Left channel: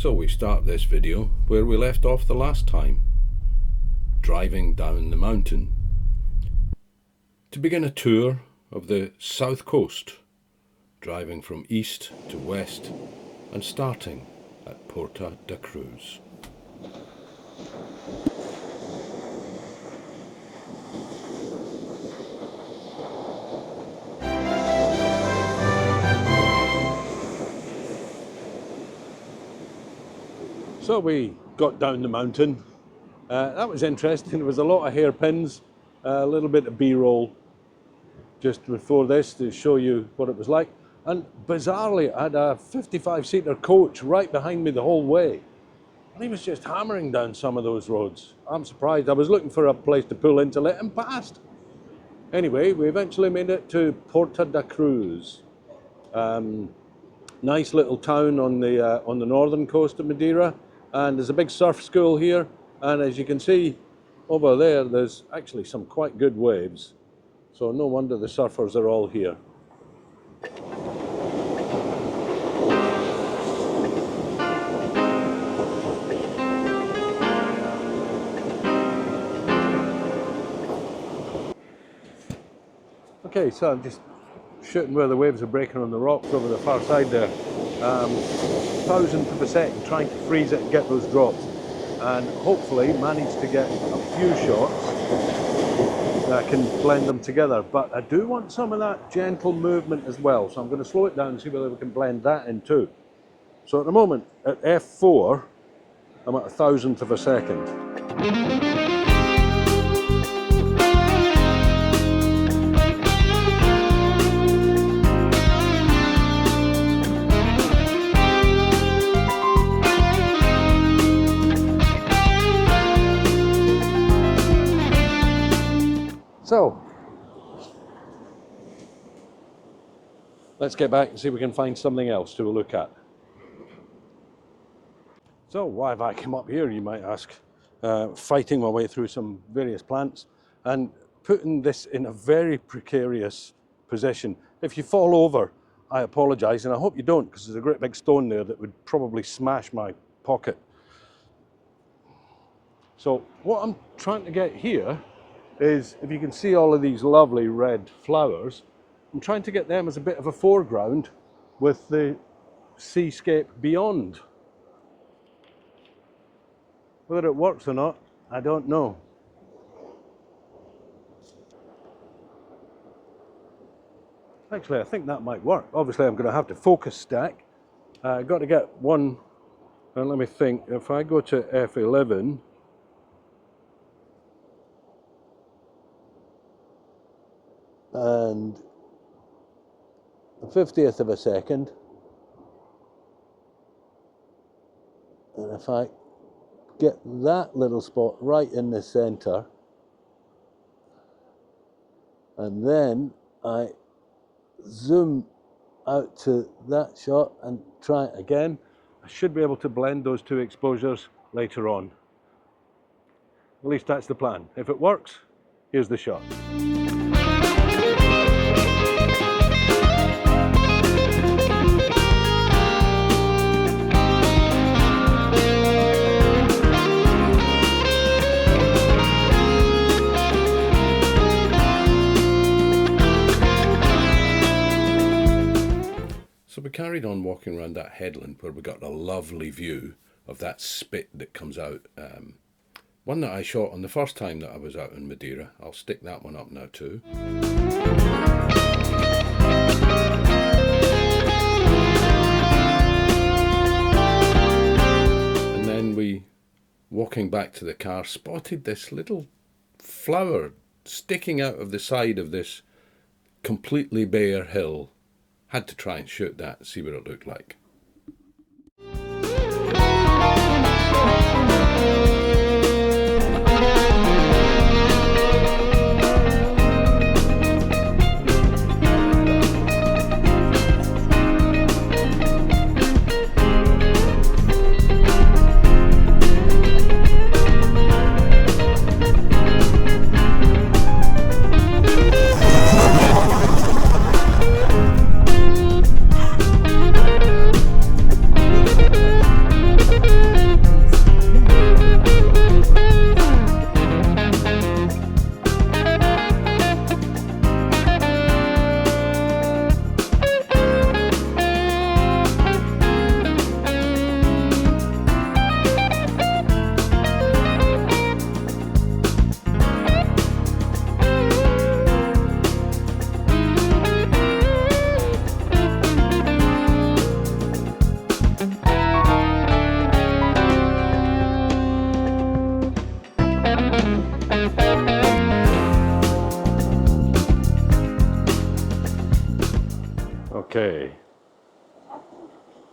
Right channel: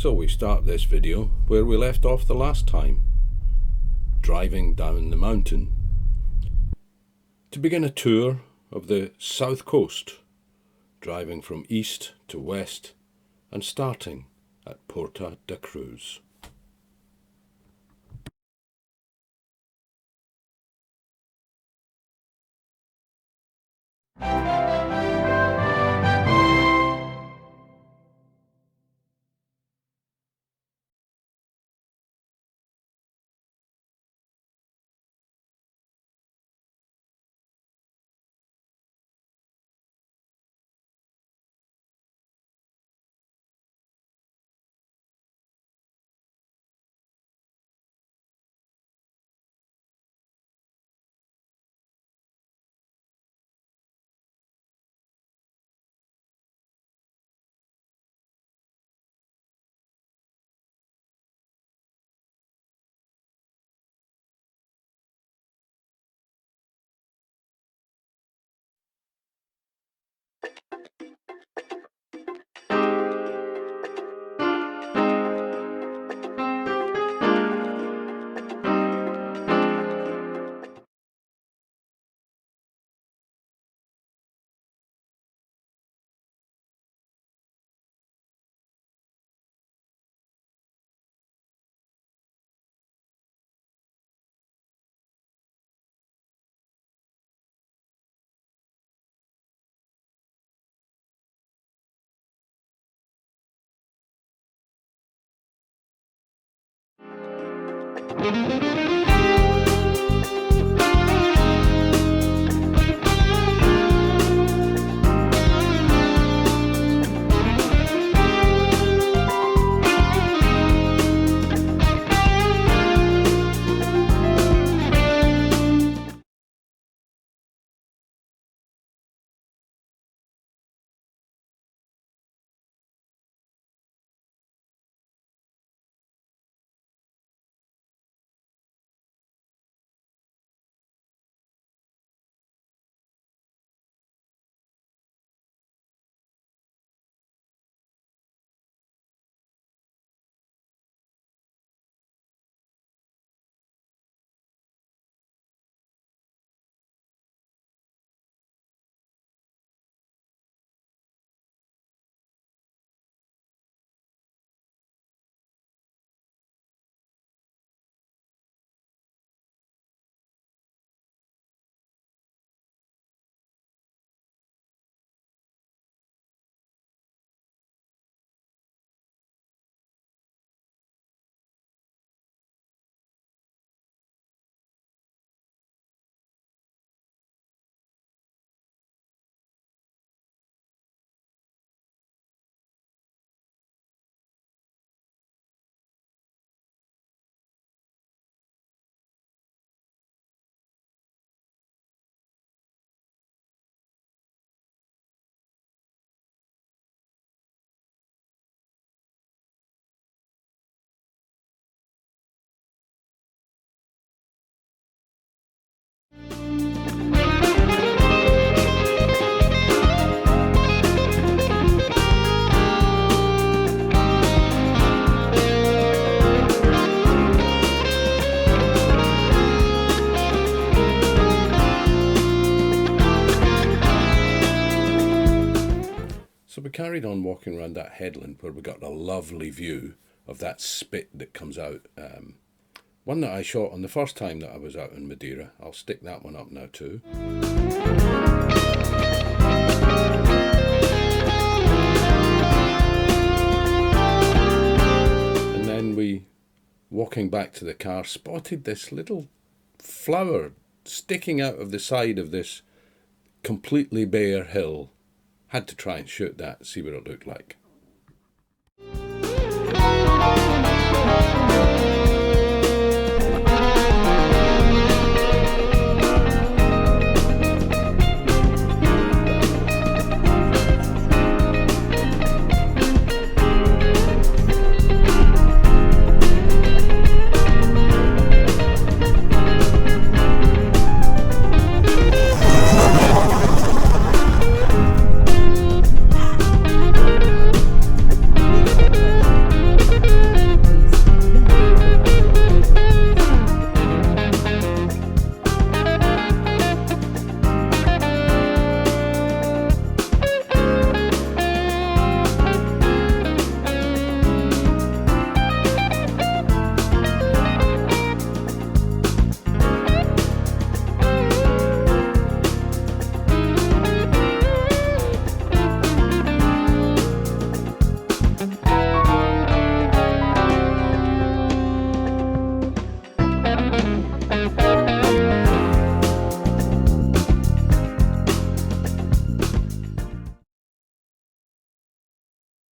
So we start this video where we left off the last time, driving down the mountain to begin a tour of the south coast, driving from east to west and starting at Porta da Cruz. So we got down the mountain. That was interesting. There was a lot of hairpins, a little bit of B-roll just before this to show you what it was like. And bizarrely, I had a 55-seater coach right behind me the whole way. And he was just hammering down some of those roads. I'm surprised. I was looking for a place to pull in to let him past. Anyway, we eventually made it to Porta da Cruz. Nice little town on the northern coast of Madeira. And there's a big surf school here, and as you can see over there, there's actually some quite good waves. So no wonder the surfers are all here. Okay, so I'm just shooting where the waves are breaking on the rocks over the far side there. Thousandth of a second, trying to freeze it and get those drops, and hopefully manage to get a few shots that can blend them together. But I do want some of that gentle movement as well, so I'm going to slow it down and see whether we can blend that in too. So at the moment at f4 I'm at 1,000th of a second. So, let's get back and see if we can find something else to look at. So, why have I come up here, you might ask? Fighting my way through some various plants and putting this in a very precarious position. If you fall over, I apologise, and I hope you don't, because there's a great big stone there that would probably smash my pocket. So, what I'm trying to get here is, if you can see all of these lovely red flowers, I'm trying to get them as a bit of a foreground with the seascape beyond. Whether it works or not, I don't know. Actually, I think that might work. Obviously, I'm going to have to focus stack. I've got to get one, and let me think, if I go to F11, and a 50th of a second, and if I get that little spot right in the center, and then I zoom out to that shot and try it again, I should be able to blend those two exposures later on. At least that's the plan. If it works, here's the shot. So we carried on walking around that headland where we got a lovely view of that spit that comes out. One that I shot on the first time that I was out in Madeira. I'll stick that one up now too. And then we, walking back to the car, spotted this little flower sticking out of the side of this completely bare hill. Had to try and shoot that, see what it looked like.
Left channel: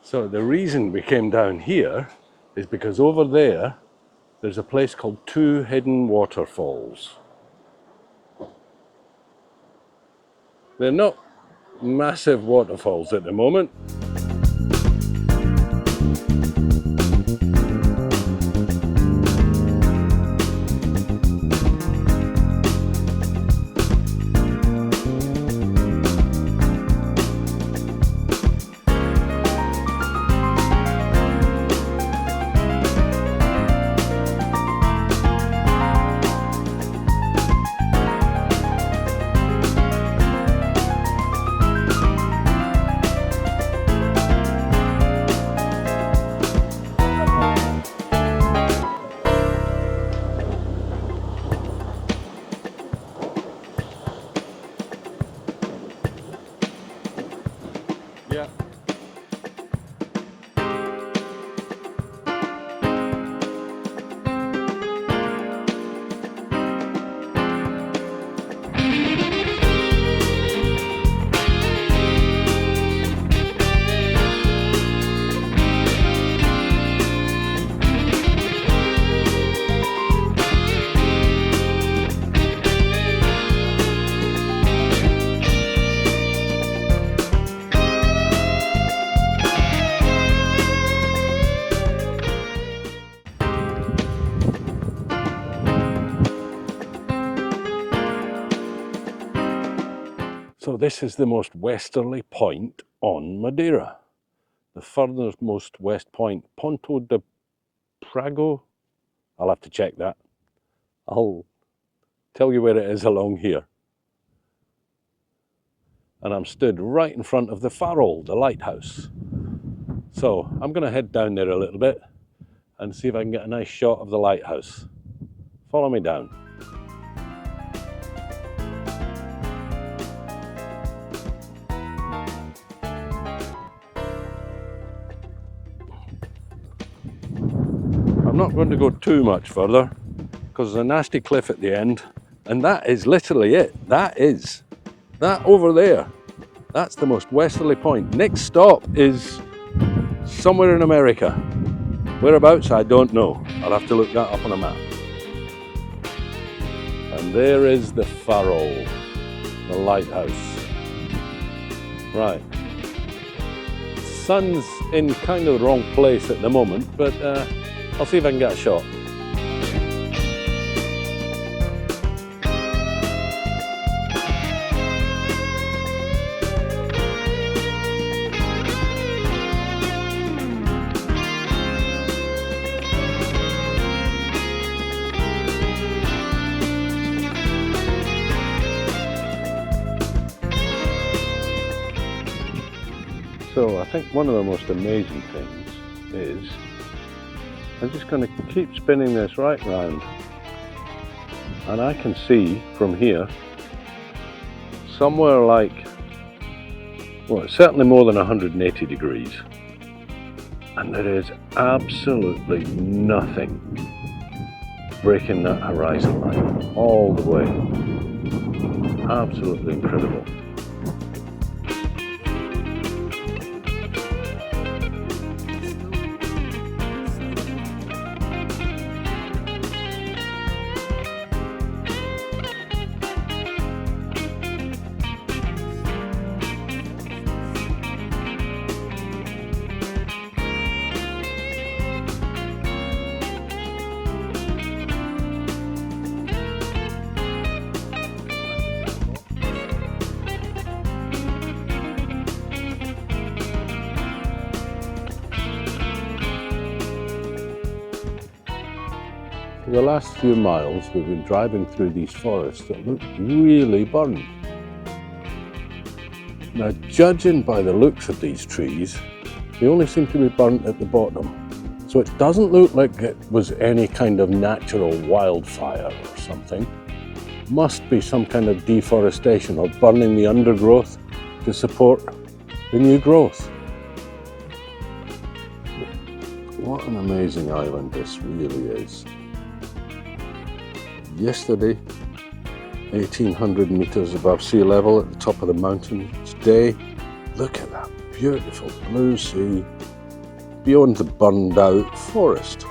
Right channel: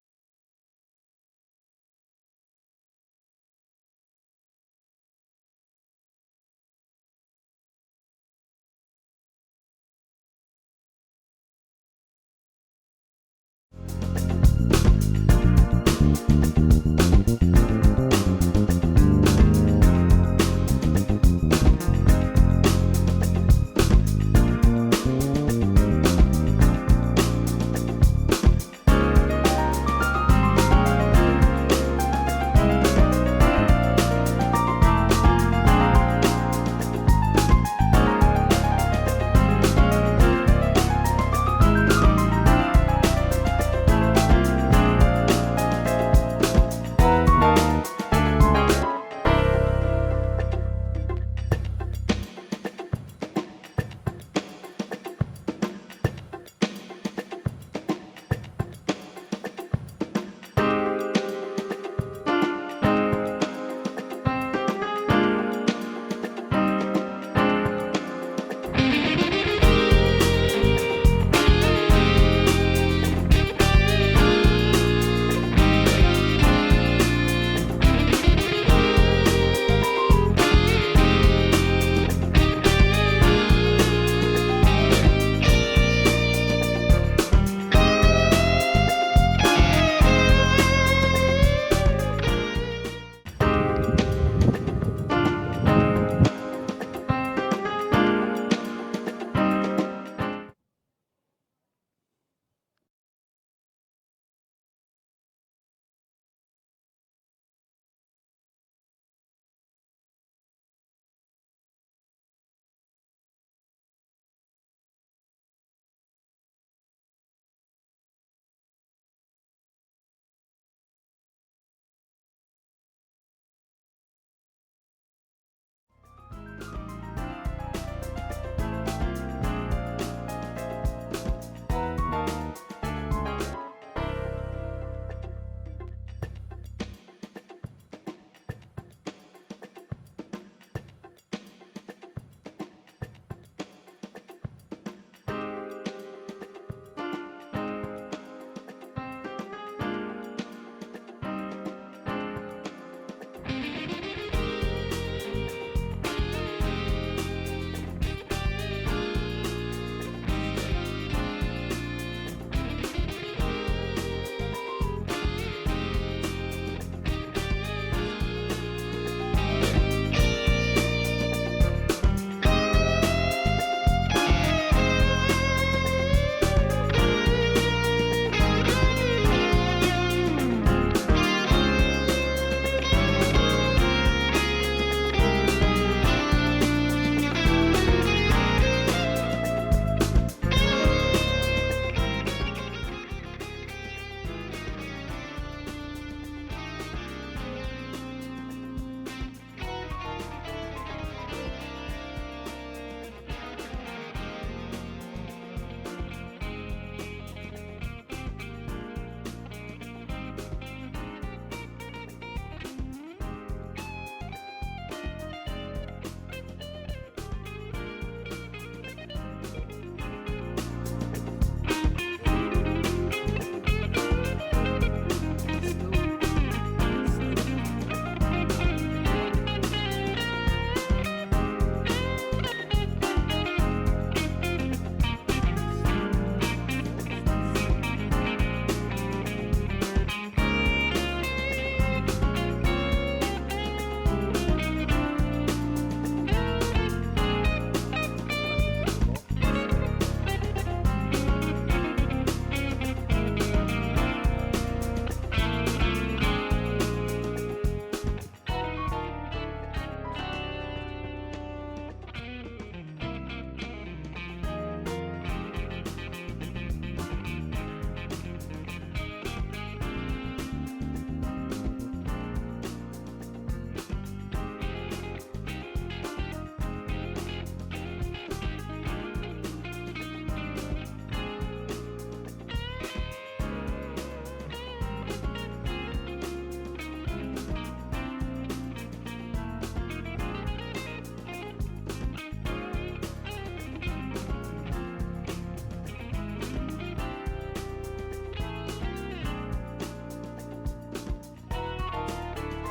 So the reason we came down here is because over there, there's a place called Two Hidden Waterfalls. They're not massive waterfalls at the moment. So this is the most westerly point on Madeira. The furthest most west point, Ponta de Pargo. I'll have to check that. I'll tell you where it is along here. And I'm stood right in front of the Farol, the lighthouse. So I'm going to head down there a little bit and see if I can get a nice shot of the lighthouse. Follow me down. I'm not going to go too much further because there's a nasty cliff at the end, and that is literally it. That over there, that's the most westerly point. Next stop is somewhere in America. Whereabouts, I don't know. I'll have to look that up on a map. And there is the Farol, the lighthouse. Right. Sun's in kind of the wrong place at the moment, but I'll see if I can get a shot. So I think one of the most amazing things is I'm just going to keep spinning this right round, and I can see from here somewhere like, well, it's certainly more than 180 degrees, and there is absolutely nothing breaking that horizon line all the way. Absolutely incredible. For the last few miles, we've been driving through these forests that look really burnt. Now, judging by the looks of these trees, they only seem to be burnt at the bottom. So it doesn't look like it was any kind of natural wildfire or something. It must be some kind of deforestation or burning the undergrowth to support the new growth. What an amazing island this really is. Yesterday, 1,800 meters above sea level at the top of the mountain. Today, look at that beautiful blue sea, beyond the burned out forest.